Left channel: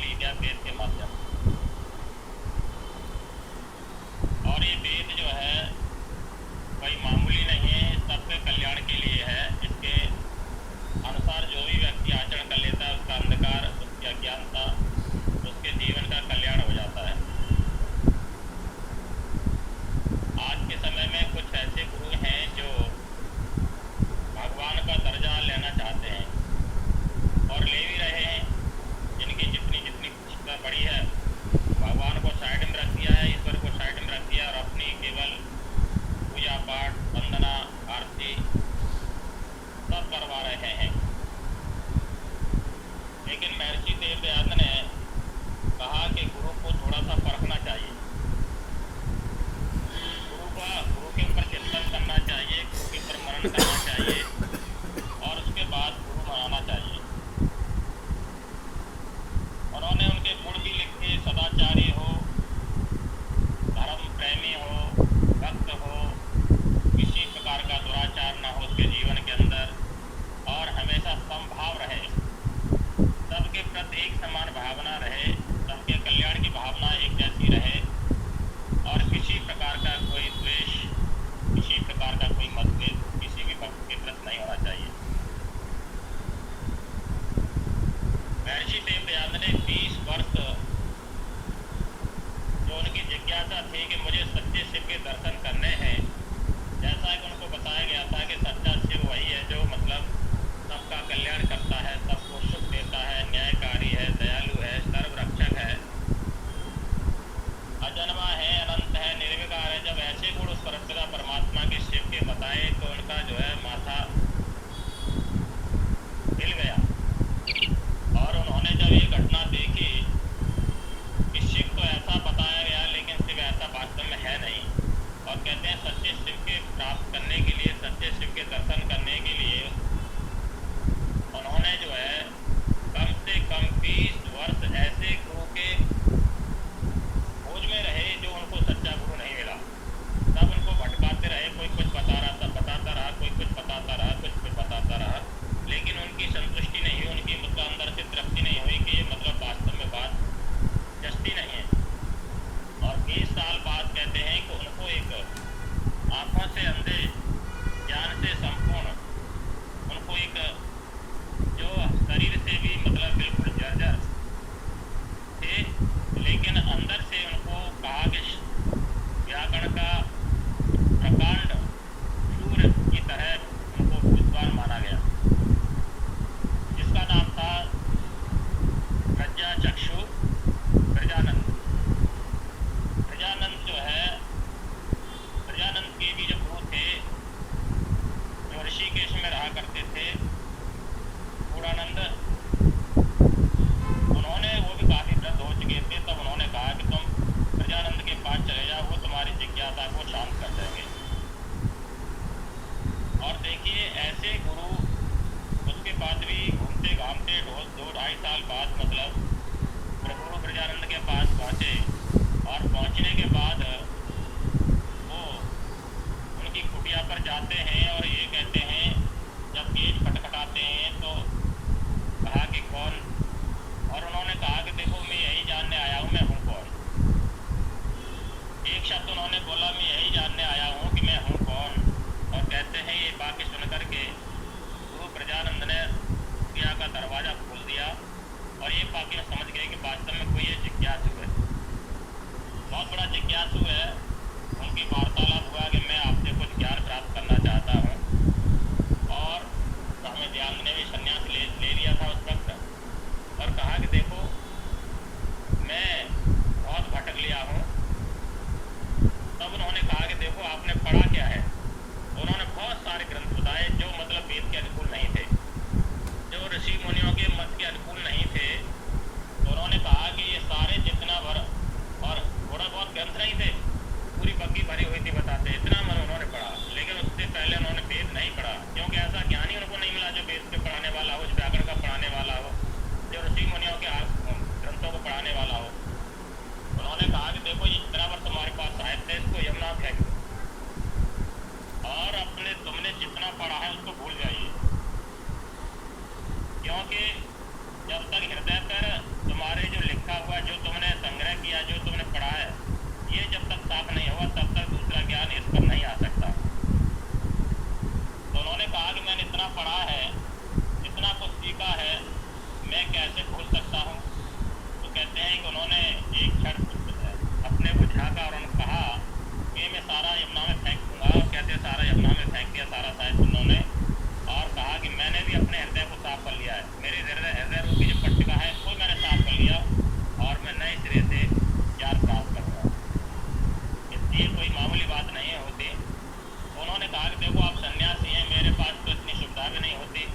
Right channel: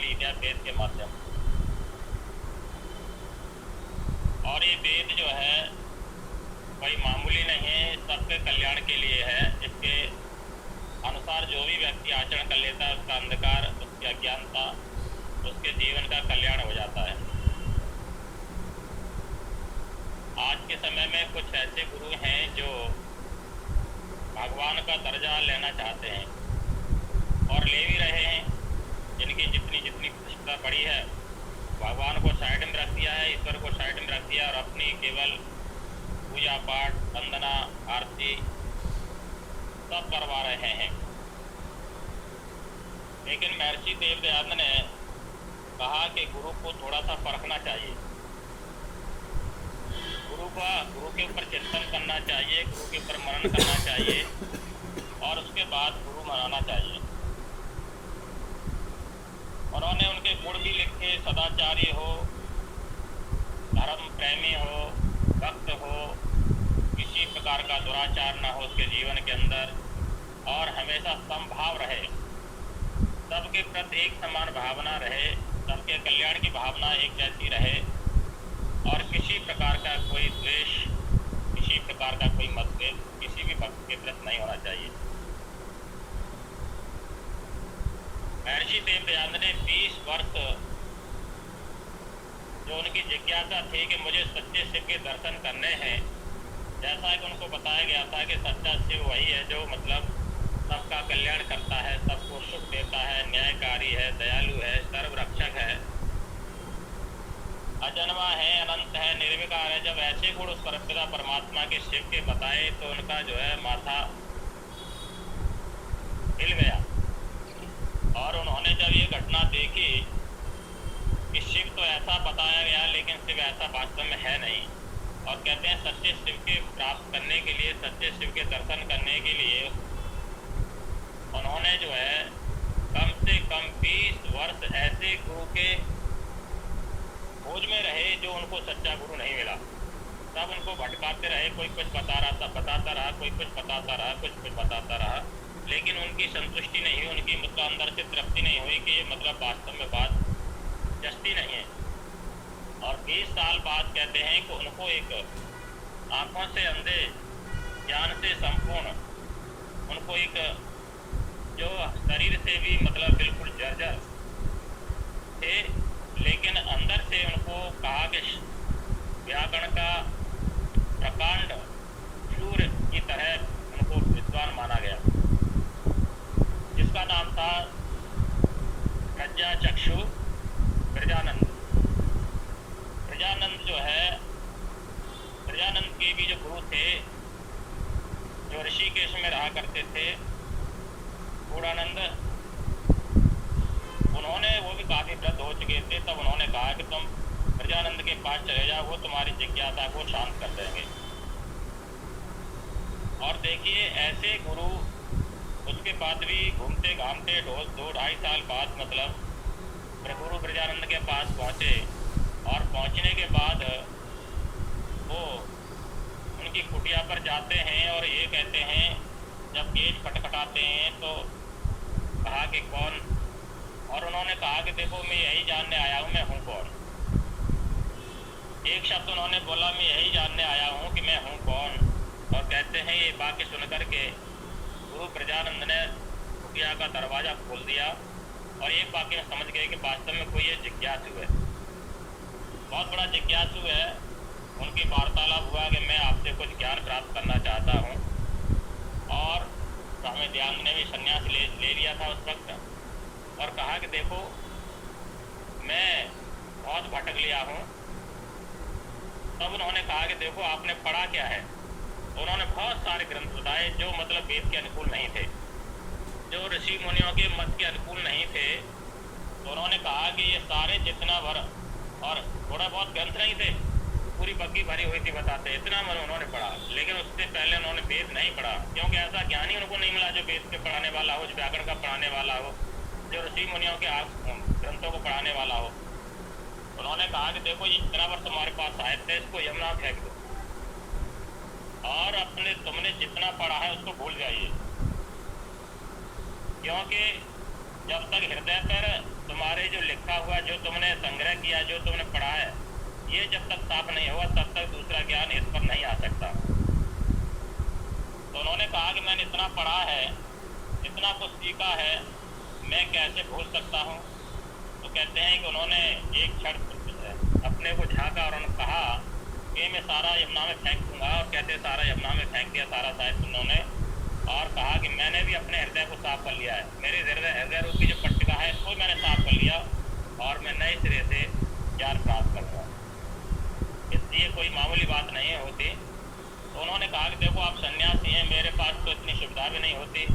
लिया वेद के माध्यम। और ये वेद जो है कोई मामूली नहीं है, सबके कल्याण के लिए है। इसके अनुसार जो भी व्यक्ति आचरण कर लेता है उसका अंधकार, उसकी अज्ञानता, उसके जीवन का कल्याण हो जाता है। आज के समय में कुछ ऐसे गुरु हैं जो भगवान का दर्जा लेना चाहते हैं और ले भी रहे हैं। जिनकी जितनी जितनी प्रतिष्ठा बढ़ी है, भगवान को साइड में रख दिया है, ईश्वर को साइड में रख दिया और अपनी केवल पूजा पाठ, वंदना, आरती सब करवा रहे हैं। लेकिन महर्षि देवदयानंद ने कहा कि गुरु को थोड़ा सा परखना चाहिए, गुरु के ऊपर चिंतन करना चाहिए, गुरु के ऊपर मनन करना चाहिए और उसके बाद गुरु मनाना चाहिए। उन्होंने उनके गुण भी लिखे, सदाचारी हो, धर्म प्रेमी हो, भक्त हो, किसी प्रकार का दुराचार न हो उसके जीवन के अंदर और हमेशा समभाव रहे, सबके प्रति एक समान भावना रहे, सबके कल्याण की भावना एक जैसी रहे और किसी प्रकार का कोई द्वेष, किसी प्रकार का कोई मतभेद किसी भी भक्त के प्रति नहीं होना चाहिए। महर्षि देवदयानंद ने 20 वर्ष जो उनकी जिज्ञासा थी कि मुझे सच्चे शिव के दर्शन करने हैं, जैसा कि उनको बताया गया था कि सच्चा शिव वही है जो मतलब सबका कल्याण करता है, सबको सुख देता है, न्यायकारी है, दयालु है, सर्वरक्षक है, अजन्मा है, अनंत है, निर्विकार है। जब ऐसे गुण उस परमपिता परमात्मा के शिव के बताए तो उनका जो है माथा हिल गया और उन्होंने जब ये घटना देखी कि शिव तो ऐसा बताया गया लेकिन शिव ऐसा वास्तव में है नहीं, और कहते हैं सच्चे शिव के प्राप्त करने के लिए, सच्चे शिव के दर्शन करने के लिए उन्होंने जो है कम से कम 20 वर्ष ऐसे गुरु के खोज में रहे जो उनको सच्चा गुरु नहीं मिला। सब उनको भटकाते रहे, कोई कुछ बता रहा था, बताता रहा, कोई कुछ बताता रहा, कुछ बताता रहा, लेकिन उनकी संतुष्टि नहीं हुई, उनकी मतलब अंदर से तृप्ति नहीं हुई कि ये मतलब वास्तव में बात जस्ती नहीं है। और 20 साल बाद कहते हैं कि उनको एक आंखों से अंधे, ज्ञान से संपूर्ण, उनको एक जो शरीर से भी मतलब बिल्कुल जर्जर थे, लेकिन अंदर से उनको कहा कि व्याकरण का प्रकांड सूर्य की तरह उनको विद्वान माना गया, जिसका नाम था प्रज्ञा चक्षु प्रजानंद। प्रजानंद जो है, प्रजानंद के भी जो गुरु थे जो ऋषिकेश में रहा करते थे, पूर्णानंद, उन्होंने, वो भी काफ़ी वृद्ध हो चुके थे, तब उन्होंने कहा कि तुम प्रजानंद के पास चले जाओ, वो तुम्हारी जिज्ञासा को शांत कर देंगे। और देखिए ऐसे गुरु उसके बाद भी घूमते घामते 2-2.5 साल बाद मतलब गुरु प्रजानंद के पास पहुँचे और पहुँचने के बाद वो उनकी कुटिया पर जाते हैं और ये कहते हैं, जब गेट खटखटाते हैं तो कहा कि कौन, और उन्होंने कहा कि देखो मैं यही जानने आया हूँ मैं हूँ कौन। एक शब्द उन्होंने बोला, मैं यही जानने आया हूँ कि मैं हूँ कौन। और कहते हैं ये बाकी सुनकर के गुरु प्रजानंद ने कुटिया का दरवाज़ा खोल दिया और एक बाकी में समझ गए कि वास्तव में कोई ये जिज्ञासु है, बहुत बड़ा जिज्ञासु है। उनकी वार्तालाप हुआ कि मैं आपसे कुछ ज्ञान प्राप्त करना चाहता हूँ, और स्वामी दयानंद ने भी संन्यास ले लिया था उस वक्त, और कहा कि देखो मैं बहुत भटक लिया हूँ। तब उन्होंने कहा कि देखो आपने पढ़ा क्या है। उन्होंने बहुत सारे ग्रंथ बताए जो मतलब वेद के अनुकूल नहीं थे, जो ऋषि मुनियों के मत के अनुकूल नहीं थे। तो उन्होंने कहा कि ये सारे जितना भर, और थोड़ा बहुत ग्रंथ नहीं थे, पूरी बग्गी भरी हुई थी बताते, इतना मन उन्होंने पढ़ा, लेकिन उससे पहले उन्होंने वेद नहीं पढ़ा, क्योंकि ऐसा ज्ञानी उनको नहीं मिला जो वेद के पढ़ाने वाला हो, जो व्याकरण का पढ़ाने वाला हो, जो ऋषि मुनियों के ग्रंथों को पढ़ाने वाला हो। उन्होंने कहा कि देखो ये इतना बार तुम्हारे पास साहित्य है, इसको यमुना फेंक दो और अपने तुमने जितना पढ़ा है उसको भूल जाइए, क्योंकि जब तक हृदय पर तुम्हारे जो पट्टिका है मैं कैसे भूल सकता हूँ। तो कहते हैं कि उन्होंने एक क्षण अपने को झाँका और उन्होंने कहा कि मैं सारा यमुना में फेंक दूँगा, और कहते सारा यमुना में फेंक दिया सारा शायद उन्होंने, और कहा कि मैंने भी अपने हृदय को साफ कर लिया है, मेरे हृदय रूपी जो पट्टिका है इसको मैंने साफ कर लिया और मैं नए सिरे से ज्ञान प्राप्त करूँगा। इसलिए कोई मामूली बात नहीं होती। तो उन्होंने कहा कि देखो आप सन्यासी हैं, मेरे पास तो इतनी सुविधा भी नहीं होती,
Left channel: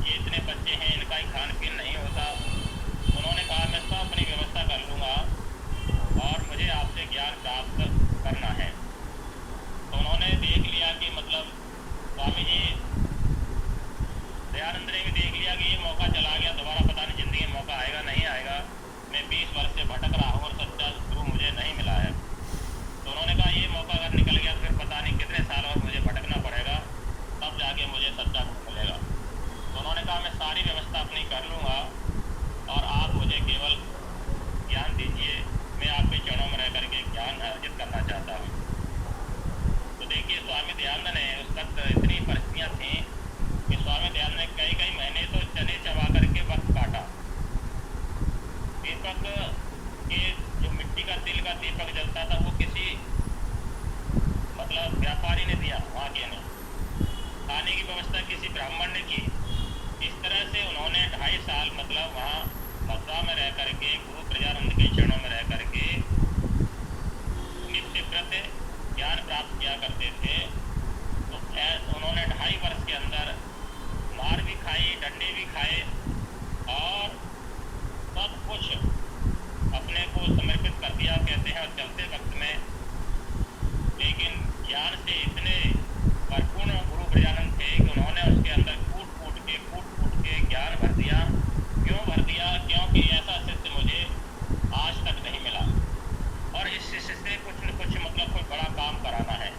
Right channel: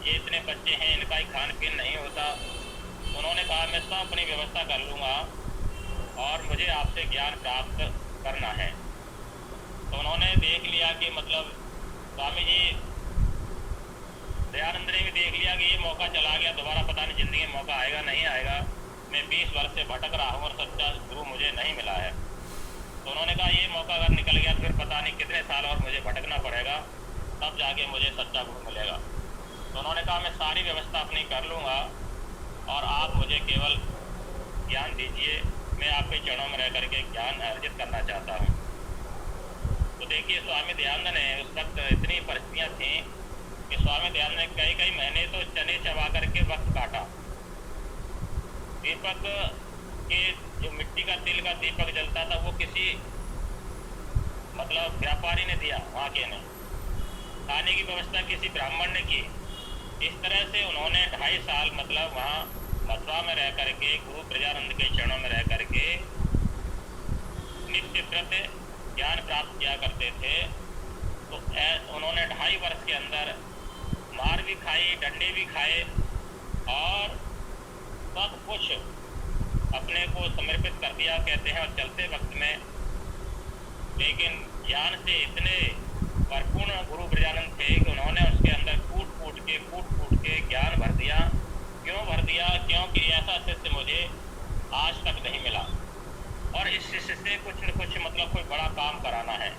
ये इतने बच्चे हैं इनका ही खान पीन नहीं होता। उन्होंने कहा मैं सब अपनी व्यवस्था कर लूँगा और मुझे आपसे ज्ञान प्राप्त करना है। तो उन्होंने देख लिया कि मतलब स्वामी जी दयानंद ने भी देख लिया कि ये मौका चला गया, दोबारा पता नहीं ज़िंदगी में मौका आएगा नहीं आएगा, मैं 20 वर्ष से भटक रहा हूँ और सच्चा गुरु मुझे नहीं मिला है। तो उन्होंने कहा ये मौका अगर निकल गया तो फिर पता नहीं कितने साल और मुझे भटकना पड़ेगा, तब जाके मुझे सच्चा गुरु मिलेगा। तो उन्होंने कहा मैं सारी व्यवस्था अपनी कर लूँगा और आप मुझे केवल ज्ञान दीजिए, मैं आपके चरणों में रह करके ज्ञान अर्जित करना चाहता हूँ। तो देखिए स्वामी दयानंद ने उस वक्त इतनी परिस्थितियाँ थीं कि स्वामी दयानंद ने कई महीने तो चने चबा करके वक्त काटा। दीपक के जो मिट्टी का तिल का दीपक जलता था वो किसी मतलब व्यापारी ने दिया, वहाँ के ने। खाने की व्यवस्था किसी ब्राह्मण ने की। इस तरह से उन्होंने 2.5 साल मतलब वहाँ मथुरा में रह करके गुरु प्रजानंद के चरणों में रह करके नित्य व्रत ज्ञान प्राप्त किया करते थे। तो उन्होंने 2.5 वर्ष के अंदर मार भी खाई, डंडे भी खाए और सब कुछ अपने को समर्पित कर दिया कहते हैं। और चलते वक्त में लेकिन ज्ञान से इतने परिपूर्ण गुरु ब्रजानंद थे कि उन्होंने उसके अंदर कूट कूट के ज्ञान भर दिया। क्यों भर दिया? क्योंकि ऐसा शिष्य मुझे आज तक नहीं मिला और इस शिष्य से कुछ न कुछ मतलब कोई बड़ा काम कराना है।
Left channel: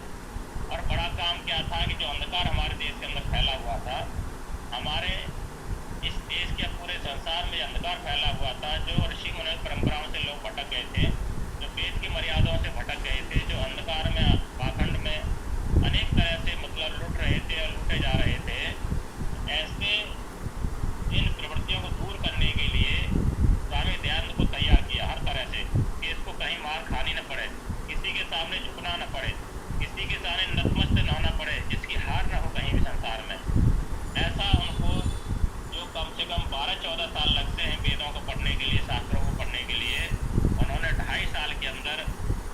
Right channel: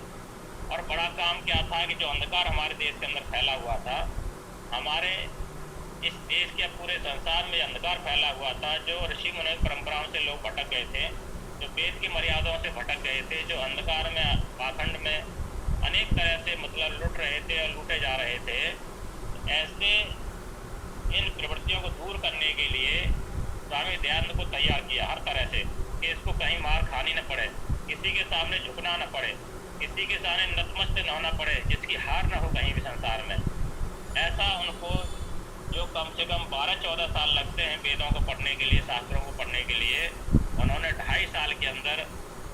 और बड़ा काम क्या था कि जो अंधकार हमारे देश के अंदर फैला हुआ था, हमारे इस देश के पूरे संसार में अंधकार फैला हुआ था, जो ऋषि मुनि परंपराओं से लोग भटक गए थे, जो वेद की मर्यादाओं से भटक गए थे, जो अंधकार में पाखंड में अनेक तरह से मतलब लुट रहे थे और लूटे जा रहे थे, ऐसे इन प्रवृत्तियों को दूर करने के लिए स्वामी दयानंद को तैयार किया हर तरह से कि इसको कहीं मार खानी न पड़े, किसी के सामने झुकना न पड़े, किसी के सामने नतमस्त न होना पड़े, जिसकी हार न हो कहीं भी संसार में। ऐसा उनको जो कम से कम 12-14 साल लगते हैं वेदों को पढ़ने के लिए, शास्त्रों को पढ़ने के लिए, उन्होंने 2.5 साल के अंदर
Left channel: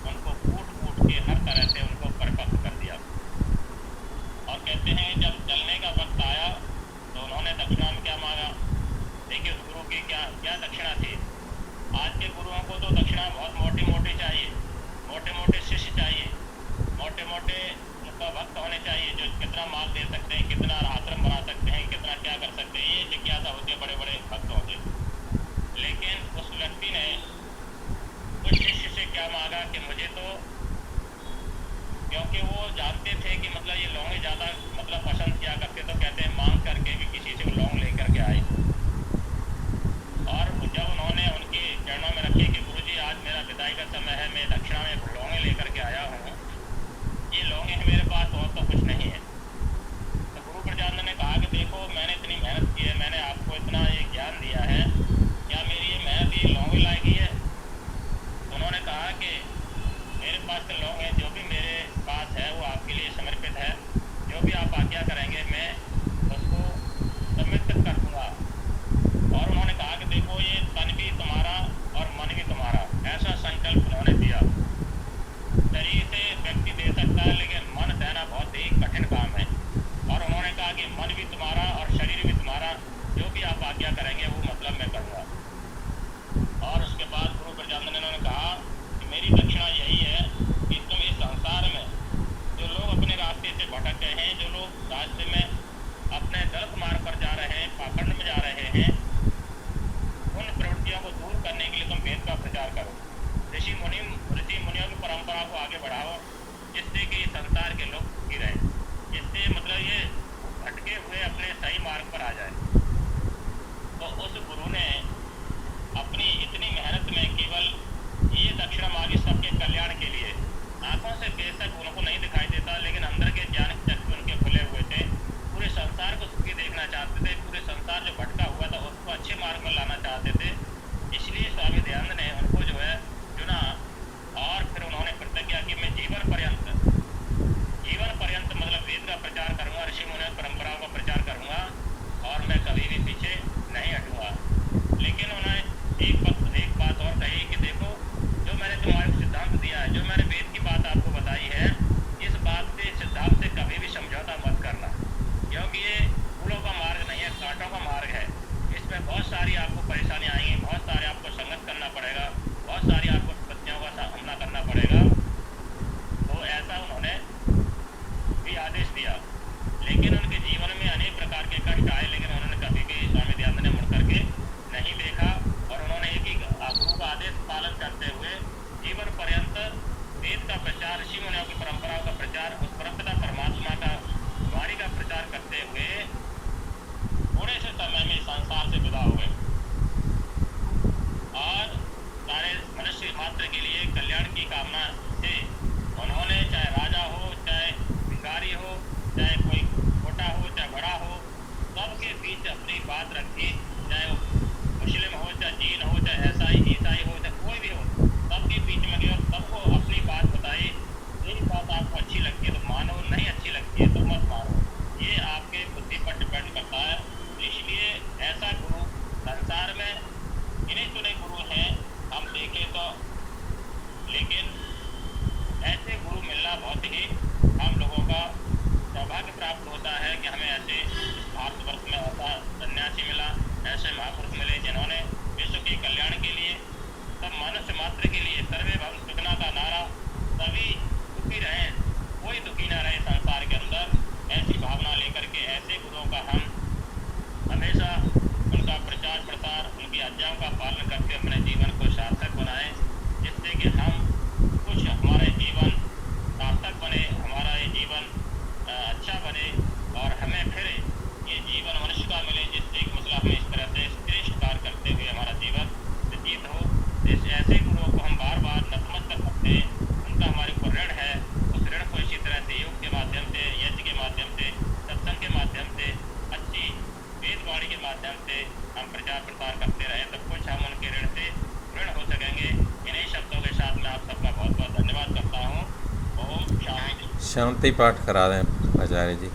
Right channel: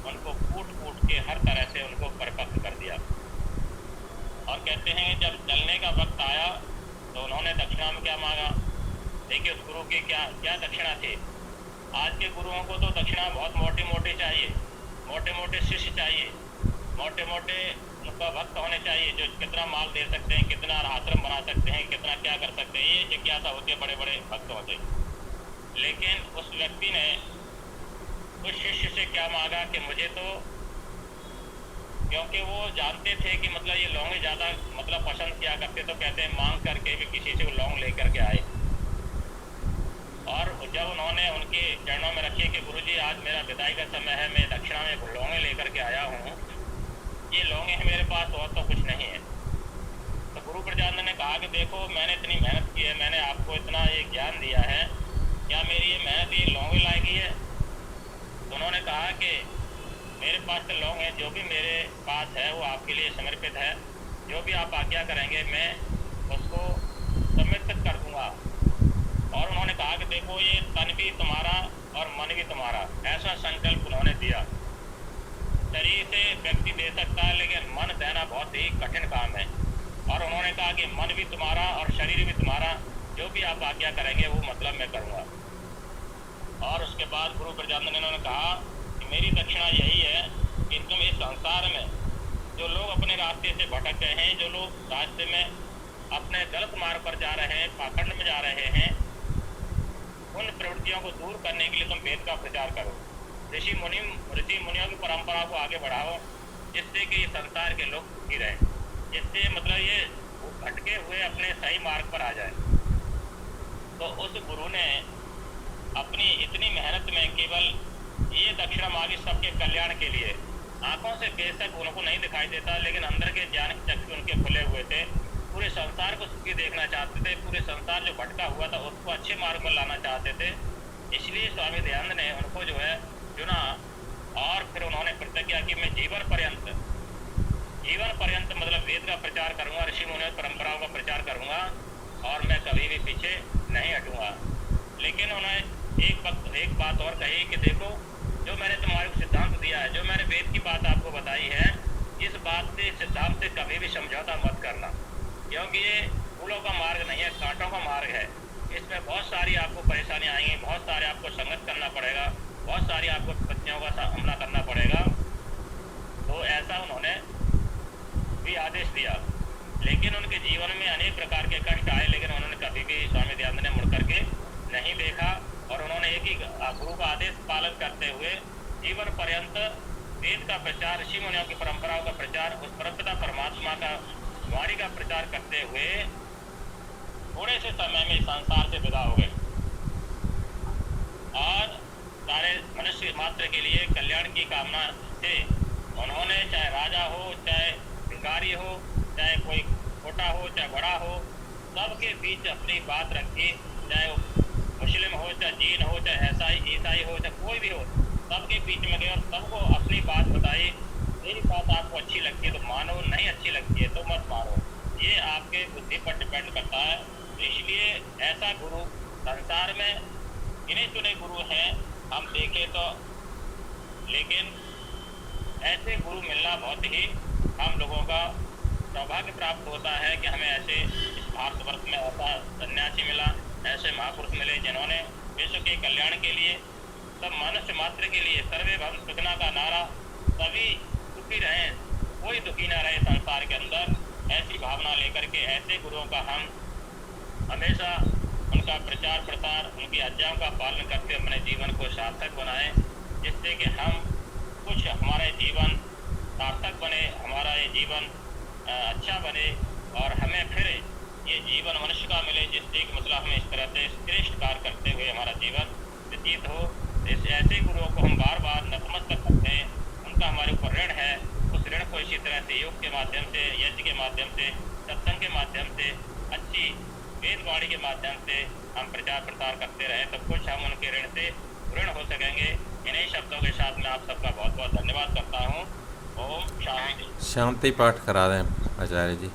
उनको कूट के हर तरह से उनको परिपक्व कर दिया। और कहते हैं जब चलने का वक्त आया तो उन्होंने दक्षिणा में क्या मांगा। देखिए उस गुरु की क्या दक्षिणा थी। आज के गुरुओं को तो दक्षिणा बहुत मोटी चाहिए, मोटे शिष्य चाहिए, मोटे उनका भक्त होने चाहिए, जो कितना माल दे सकते हैं, कितना आश्रम बना सकते हैं, कितना क्या कर सकते हैं, ये जिज्ञासा होती है बड़े भक्तों से। लेकिन उस व्यक्ति ने उस शिष्य से क्या मांगा कि मुझे तो, क्योंकि वो जानते थे कि मतलब ये लौंगे ज़्यादा मतलब पसंद किया करते, तो कहते हैं मांग करके भी किसी से वो लौंग लेकर के आए। और जब उन्होंने उनके चरणों में रखे कि गुरुजी आज मेरा विदाई का समय है, मैं दक्षिणा में लौंगे लेकर के आया हूँ, ये लौंगे हैं मेरे पास और तो कुछ नहीं है। तो गुरु प्रजानंद ने कहा कि देखो मैंने इतनी मेहनत की है, मैंने आपको इतना ये ज्ञान दिया है, क्या मेरी ये मेहनत ये लौंगे लायक ही है? उन्होंने कहा कि मेरे पास तो लौंग है, जो भी मेरे पास है वो आपके लिए समर्पित है, जो भी आप आज्ञा करेंगे मैं उसको समर्पित कर दूंगा। और उन्होंने कहा कि देखो ये तन भी तुम्हारा और मन भी तुम्हारा, ऐसा संकल्प उन्होंने दिया। शरीर से व्यक्ति दे सकता है लेकिन मन देना बहुत ही कठिन काम है। और उन्होंने कहा कि मन भी तुम्हारा और शरीर भी तुम्हारा, जो भी आप आज्ञा करेंगे वो मतलब मैं करूँगा। और उसके बाद गुरु प्रजानंद ने उन्होंने कहा कि मेरी दक्षिणा यही है कि तुम इस संसार में जो लोग अपने रास्ते से भटक गए हैं, जो लोग रास्ते में अपने गलत मार्ग पर जा रहे हैं, पाखंड में जा रहे हैं, उन प्रवृत्तियों को दूर करने के लिए तुम वेद का प्रचार करो, ऋषि मुनियों की परंपरा को आगे बढ़ाओ, जिससे कि संसार के लोग सुखी रहें, जिससे मतलब ये भटके हुए अपने सही मार्ग पर आ जाए। तो उस गुरु ने अपनी इतनी मेहनत में केवल ये दक्षिणा मांगी सबके कल्याण के लिए। आंखों से बेशक उनको नहीं दिखाई देता, लेकिन अंदर के ज्ञान चक्षु उनके खुले हुए थे, पूरे संसार को सुखी देखना चाहते थे, पूरे संसार जो भटका हुआ था उसको अच्छे मार्ग पर लाना चाहते थे। इसलिए स्वामी दयानंद ने उनको जो है चुना और फिर उन्होंने प्रतिज्ञा की मैं जीवन पर्यंत मतलब वेद का प्रचार करूंगा, ऋषि मुनि परंपराओं का प्रचार करूंगा और मैं कभी भी पीछे नहीं हटूंगा। लेकिन उन्होंने एक बात और कही कि देखो, जो मैंने तुम्हारे को सिद्धांत दिया है, जो मैंने वेद की बात आपको बताई है, इस बात से सिद्धांत से कभी भी समझौता मत करना, क्योंकि ये फूलों का मार्ग नहीं है, कांटों का मार्ग है। इसमें बहुत सारी आपको परेशानी आएंगी, बहुत सारे आपको संघर्ष करना पड़ेगा, बहुत सारी आपको विपत्तियों का सामना करना पड़ेगा। तो ऐसा उन्होंने भी आदेश दिया। लेकिन उनके जीवन में अनेक प्रकार के कष्ट आए, लेकिन उन्होंने कभी भी स्वामी दयानंद ने मुड़ करके नहीं देखा और उन्होंने एक ही गुरु का आदेश पालन करते हुए जीवन पर्यंत वेद का प्रचार, ऋषि मुनियों की परंपराओं का प्रचार, उस परमपिता परमात्मा का वाणी का प्रचार करते हुए थोड़े से समय में संसार से विदा हो गए और सारे मनुष्य मात्र के लिए कल्याण की कामना से उन्होंने, चाहे राजा हो, चाहे भिखारी हो, चाहे कोई छोटा हो, चाहे बड़ा हो, सबके बीच अपनी बात रखी। चाहे मुस्लिम हो, चाहे जीन हो, चाहे ईसाई हो, चाहे कोई भी हो, सबके बीच में गए और सबको अपनी बात बताई। यही बात आपको अच्छी लगती है तो मानो, नहीं अच्छी लगती है तो मत मानो। ये आपके बुद्धि पर डिपेंड करता है। इसलिए ऐसा गुरु संसार में गिने चुने गुरु हैं हम देखें तो, लेकिन ऐसे गुरु मिलना बहुत ही हम लोगों का सौभाग्य प्राप्त होता है कि हमें ऐसे इस भारतवर्ष में ऐसा सन्यासी मिला, ऐसे महापुरुष मिले जिन्होंने विश्व के कल्याण के लिए, सब मनुष्य मात्र के लिए सर्वे भव सुखना का नारा, सभी सुखी रहें, कोई दुखी ना रहे संसार के अंदर, ऐसी भावना लेकर के ऐसे गुरुओं का हम हमेशा उनका प्रचार प्रसार, उनकी आज्ञाओं का पालन करके अपने जीवन को सार्थक बनाएं, जिससे कि हम कुछ हमारे जीवन सार्थक बने, हमारा ये जीवन अच्छा बने और हमें फिर ये जीवन मनुष्य का मिले, जिससे कि मतलब हमें इस तरह से श्रेष्ठ कार्य करते हुए हमारा जीवन व्यतीत हो। इस ऐसे गुरुओं को हम बार बार नतमस्तक करते हैं, उनका हमारे ऊपर ऋण है। उस ऋण को इसी तरह से योग के माध्यम से, यज्ञ के माध्यम से, सत्संग के माध्यम से, अच्छी वेदवाणी के माध्यम से हम प्रचार प्रसार करते रहे, तो कुछ हम उनके ऋण से ऋण हो सकेंगे। इन्हीं शब्दों के साथ मैं आप सबका बहुत बहुत धन्यवाद करता हूँ। ओम शांति। शांति पाठ करा दें आचार्य जी।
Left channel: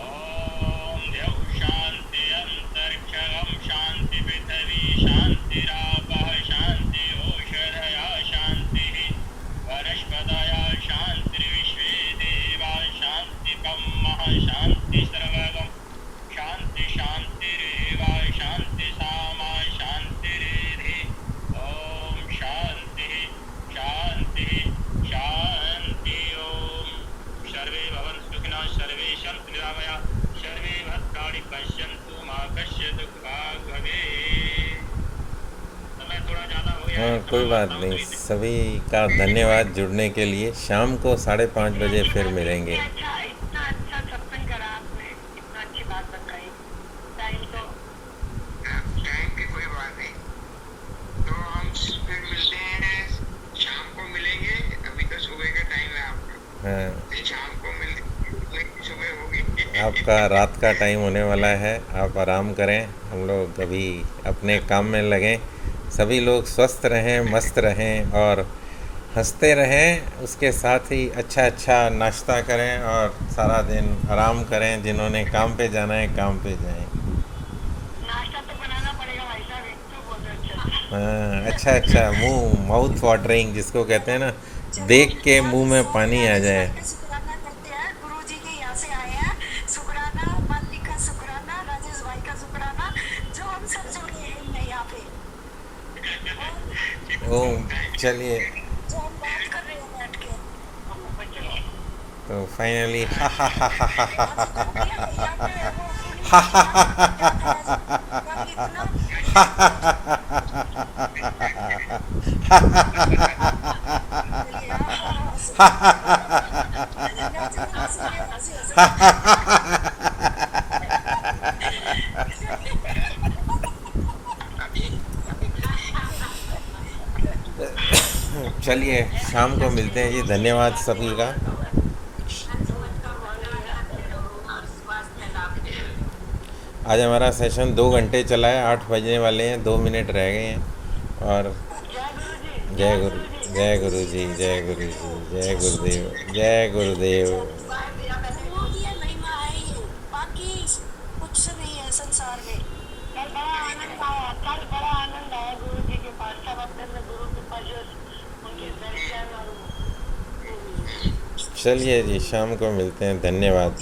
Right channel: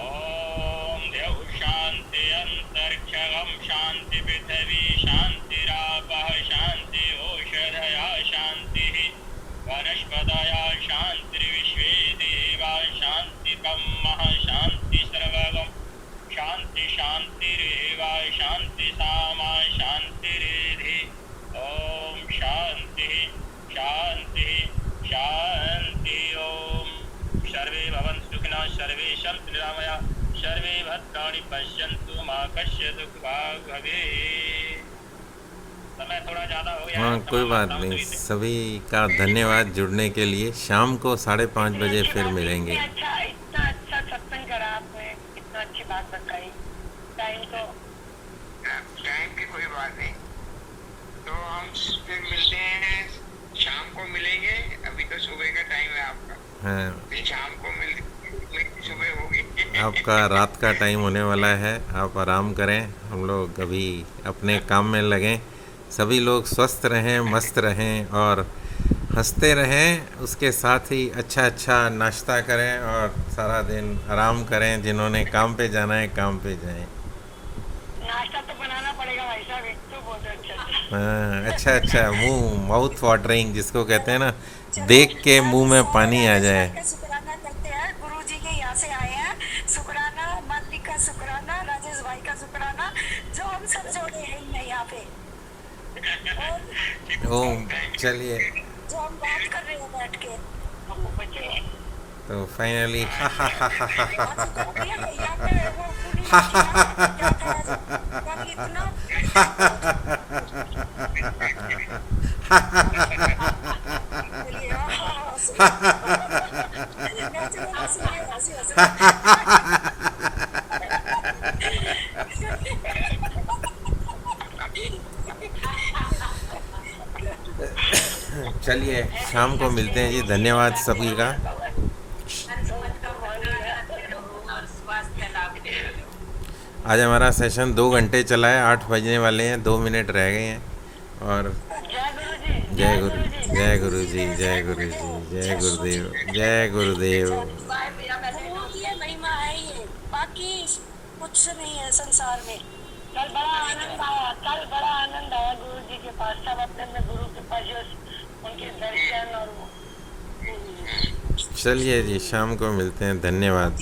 ओम देव शांति अंतरिक्षगम शांति पृथ्वी शांतिरापः शांति औषधया शांति वनस्पतया शांतिर्विश्वे देवा शांति ब्रह्म शांति सर्वगम शांति शांतिरेव शांति सामा शांतिरेधि। ओम शांति शांति शांति। ओम सर्वे भवन्तु सुखिनः, सर्वे सन्तु निरामया, सर्वे भद्राणि पश्यन्तु मा कश्चित् दुःखभाग् भवेत्। समय थोड़ा ज़्यादा हो गया है, कोई बात नहीं। सभी का धन्यवाद जुड़ने के लिए। शाम को 5:30 बजे फिर मिलेंगे। इतना अच्छा सत्संग करा आपने, इतना अच्छी बात बताई। टाइम की कोई बात नहीं, तो हम फिर मिलते हैं, शाम को मिलेंगे। अभी तो सुबह का टाइम है आपका। हाँ, फिर शाम को मिलते, सुबह होगी। आपका रात का टाइम होने वाला है, आप आराम करें, हम लोग अभी अपने काम में लगें। सभी लोग स्वस्थ रहें, मस्त रहें और हंसते रहें। उसके साथ ही अच्छा नाश्ता करें और सारा दिन आराम करें। जिन्होंने काम पे जाना है काम पे जाएं। नाश्ता तो बनाना पड़ेगा भाई साहब, एक तो बहुत अच्छा मुंह माउथ वाटरिंग जिसको कहते हैं ना, देख के मुंह में पानी आ जाए। शुक्राना करते हैं, गुरु जी के यहाँ से आए हैं। शुक्राना, मालिक का शुक्राना, राजेश भाई का शुक्राना, जो हम सब जोड़े हैं यहाँ पे। चलिए, जो हम बात कर रहे हैं बैठ के, तो फाइनली चलिए शाम को मिलते हैं जी। धन्यवाद सभी का। आज हमारा सेशन 2 घंटे चला है, 8 बजने वाले हैं, 2 मिनट रह गए हैं। और जय गुरु जी। जय गुरु जी, जय गुरु जी, जय गुरुदेव, जय गुरुदेव। गुरु की ये महिमा है ये, बाकी कुछ नहीं है संसार में। कल बड़ा आनंद आया गुरु जी के पास। सब अपने गुरु के पास जो उनके दर्शन और वो चलिए जी, शाम को मिलते हैं। धन्यवाद।